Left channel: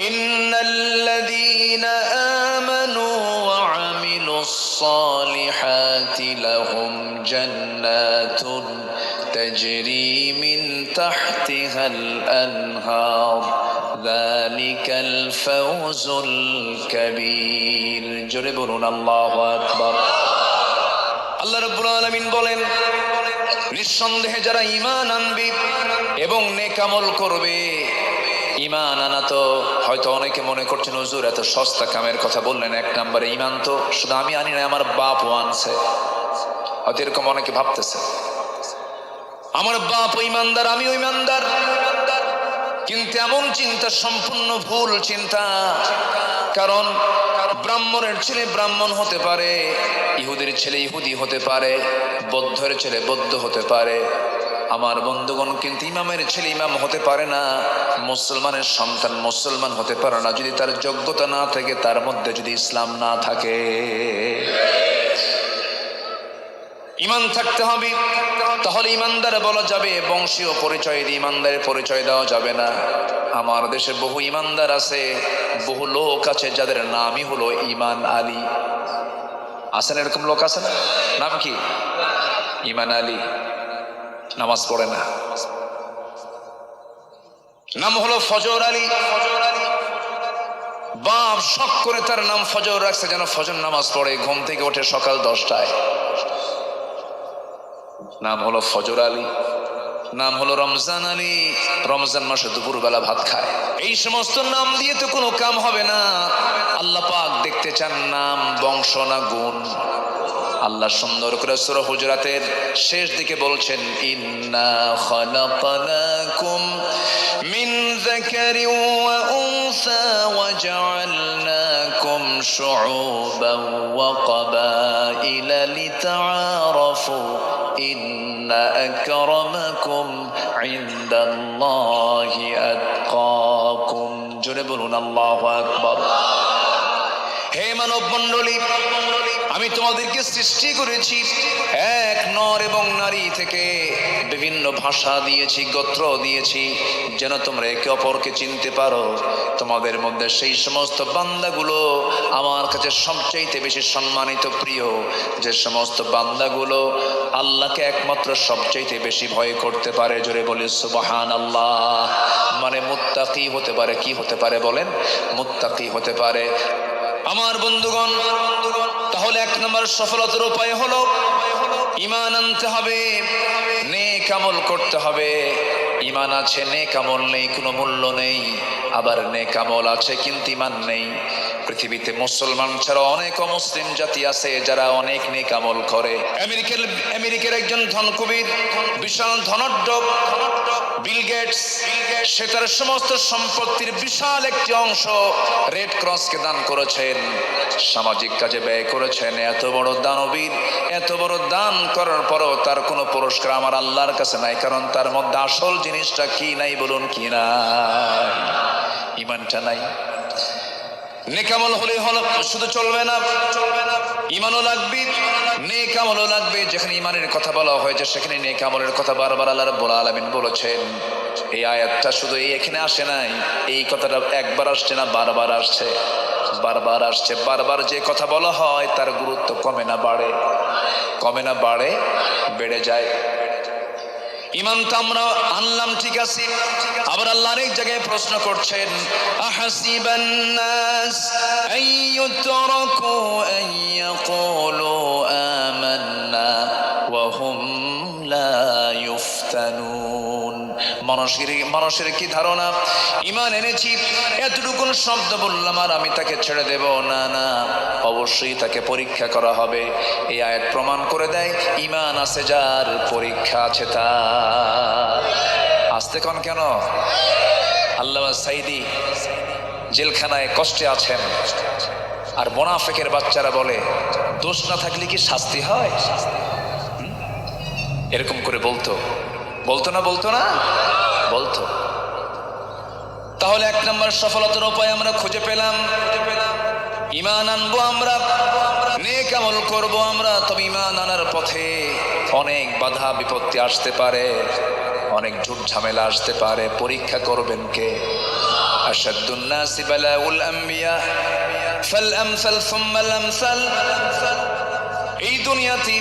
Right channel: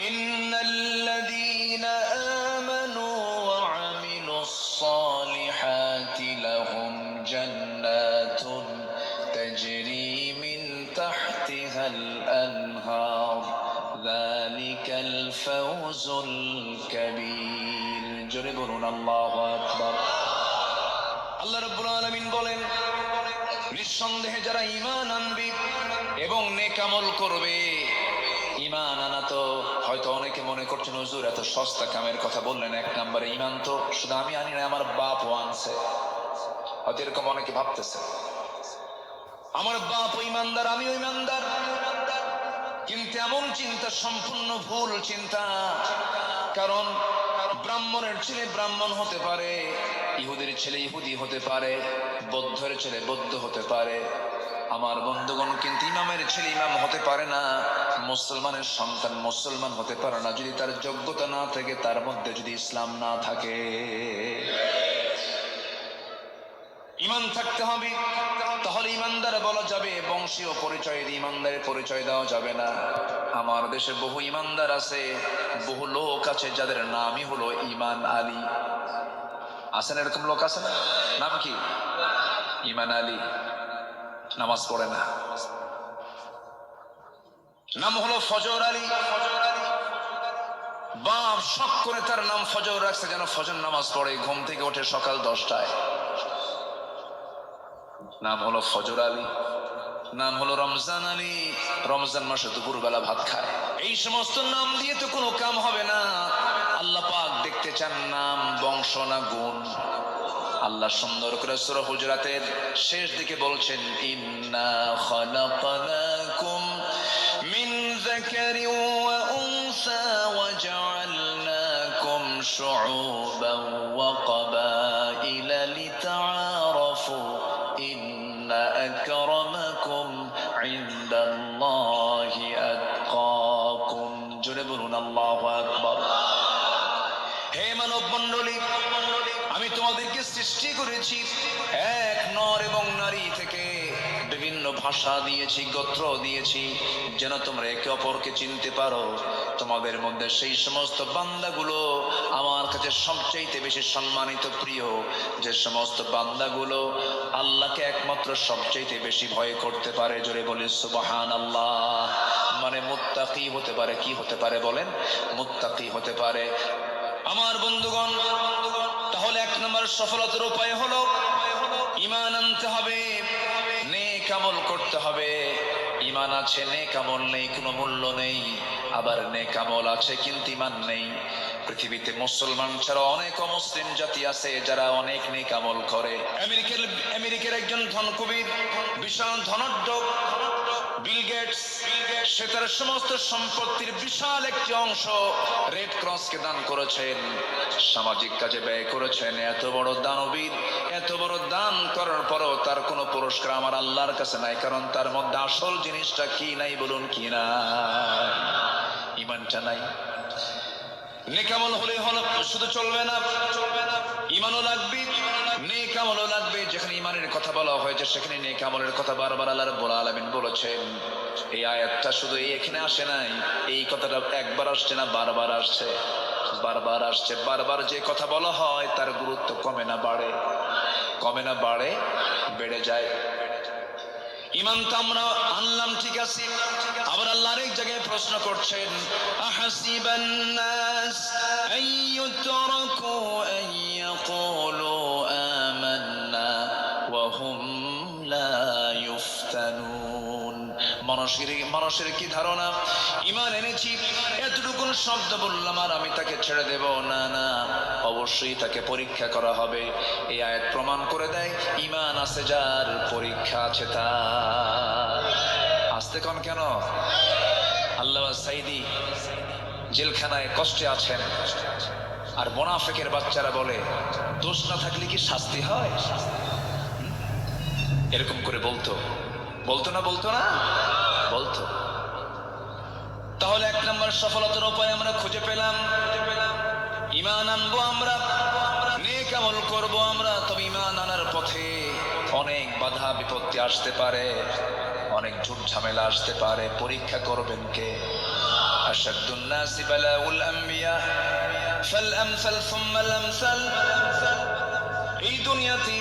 إن الذين آمنوا وعملوا الصالحات لهم جنات تجري من تحتها الأنهار ذلك الفوز الكبير جربنا الله أكبر আল্লাহ রব্বুল আলামিন বলেন নিঃসন্দেহে যারা ঈমান আনবে এবং নেকামল করবে ঈমান আনা তো হয়তো অনেকে মনে করছেন, হুজুর, এত সস্তা কামের কথা বললেন, এক নম্বরে ইমান তো শুধু আমি আনি না আমার বাপও আনছে। হয়তো এরকম অনেকে ভাবতেছে। আমার বাপ ইমানদার, আমিও ইমানদার। কিন্তু এমন চিন্তা, সম্পূর্ণ ভুল চিন্তা। কারণ ব্রাহ্মণের ছেলে ব্রাহ্মণ হতে পারে, ইহুদের ছেলে ইহুদি হতে পারে, বৌদ্ধের ছেলে বৌদ্ধ হতে পারে। আমার বন্ধুগণ, কিন্তু ইমামের ছেলে ইমাম হতে পারে না, মুসলমানের সন্তান মুসলমান হতে পারে না, যদি তার যোগ্যতা না থাকে, তার মধ্যে যদি ইসলাম না থাকে। ইমান থাকতে হবে, তাহলে ইমানদার বলা যাবে, বংশীয় পরিচয় দিয়ে ইমানদারের পরিচয় দেওয়া যাবে না। আমার দেশে বহু ইমানদার আছে, বহু লোক আছে, যাদের নামই হলো ইমান আলী। আছেন এরকম লোক আছে না? নাম কি? ইমান আলী। নামাজ পড়ে না। নাম হলো ফজর আলী। বাপ শখ করে তার নাম ফজর রাখছে যেন ফজর নামাজ পড়ে, ঘুম থেকে ওঠে সকাল দশটায়। নাম হলো ফজর আলী। নাম হলো রমজান আলী। রমজান মাসে দুপুরবেলা ভাত খায়। এই সমস্ত নাম দিয়ে তো কোনো কাম হবে না। আল্লাহ পাক দেখতে চান নাম, বংশ না গুণ। আল্লাহ সুন্দর করে সূরা হুজরাতের শেষ দিকে বলছেন ইন্না খালাকনাকুম মিন যাকারিন ওয়া উনসা ওয়া জাআলনাকুম শুউবান ওয়া ক্বাবাইলা লিতাআরাফু ইন্না আকরামাকুম ইনদাল্লাহি আতকাকুম জোরে বলুন আল্লাহু আকবার হে মানব মণ্ডলী আমি তোমাদেরকে সৃষ্টি করেছি। এক নর এবং নারী থেকে বিভিন্ন ভাষা দিয়েছি, গোত্র দিয়েছি। যেন তোমরা একে অপরকে চিনতে পারো। তোমাদের মধ্যে সেই সমস্ত বান্দাগুলো আমার কাছে সবচাইতে বেশি সম্মানিত, প্রিয়। যে সমস্ত বান্দাগুলো আল্লাহকে একমাত্র সবচাইতে বেশি ভয় করতে পারে। জোরে বলি সুবাহান আল্লাহ মানে মুত্তাকি হতে পারে, কি হতে পারে বলেন? মুত্তাকি হতে পারে। আমার বন্ধুগণ, তাহলে এক নম্বর সফলতার উপায় হলো, ইমান আনতে হবে, নেক আমল করতে হবে। ইমান আছে, নেক আমল নেই, কোনো মূল্য নেই, আবার নেক আমল আছে কিন্তু ইমান নেই। পৃথিবীতে মুসলমান ছাড়া অনেক অমুসলিম জাতি আছে যারা অনেক নেক আমল করে। আমেরিকার আমেরিকার একজন ধনকুবির, বিশাল ধনাঢ্য বিল গেটস সে তার সমস্ত সম্পত্তির বিশাল একটি অংশ রেড ক্রসকে দান করেছেন। সামাজিক কাজে ব্যয় করেছেন। এত বড় দানবীর, এত বড় দান করার পরও তার কোনো পুরস্কার আমার আল্লাহর কাছে নাই, কারণ তার মধ্যে আসল জিনিসটা কি নাই বলুন কি না? ইমানটা নাই। নেকামল হলে হলো, শুধু চলবে না চলবে না। ইমানও লাগবে। নেকামলও লাগবে, যেখানে ইমানের কথা বলা হয়েছে, সেখানে নেকামলের কথা বারবার আল্লাহ রাব্বুল আলামিন বলেছেন। এই আয়াতটা শুধু এই এখানে আসে নাই, এই কথাটা একবার আসছে না, বারবার আসছে বারবার আসছে, বারবার যে কথা বলা হয়, তার গুরুত্ব কমে না বাড়ে, কমে না বাড়ে, বেড়ে যায়। ইমান তো আমরা আনলাম, ঠিক আছে, আবার আল্লাহ আরেক জায়গায় প্রশ্ন করছেন, আহাসিবান নাস, আইয়ুতরাকু মানুষের কি ধারণা? ইমান এনেছি, এতটুকুন শব্দ বললাম আর আমি তাকে ছেড়ে দেব। না না, অবশ্যই তাকে পরীক্ষা করা হবে। এই আয়াত প্রমাণ করে দেয়, ইমান আছে যার, পরীক্ষা আছে তার। আসতে কন কেন? আল্লাহ সাইদি জেলখানায় কষ্টে আছেন। আর মোনাফেকের বাচ্চারা বলে, দোষ না থাকলে কি শাস্তি হয়? এরকম করে বলতো। বলতো না বলতো না? বলতো। তাহলে এক নম্বর সফলতার উপায় আমরা খুঁজে পেলাম। ইমান আনব আমরা, নেক আমল করব আমরা, তবে ইমান আনার পথে অনেক বাধা, বিপত্তি আসতে পারে, অনেক ঝুট ঝামেলা আসতে পারে। পরীক্ষা করবেন কে? আশাদ্দুন নাসি বালাউল আম্বিয়া, ফাল আমসাল সুম্মাল আমসাল এই দুনিয়াতে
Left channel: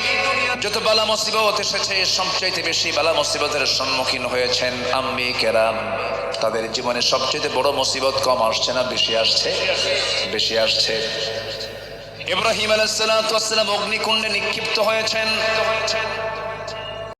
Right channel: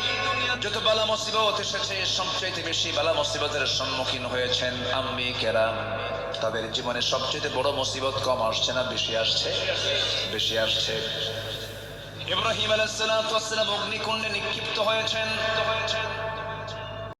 যত বালা মুসিবত এসেছে, সবচাইতে বেশি বালা মুসিবতের সম্মুখীন হয়েছেন আম্মি কেরাম। তাদের জীবনে সবচেয়ে বড় মুসিবত কম আসছে না, বেশি আসছে? বেশি আসছে। ইব্রাহিম আলাইহিস সালাম অগ্নিকুণ্ডে নিক্ষিপ্ত হয়েছেন।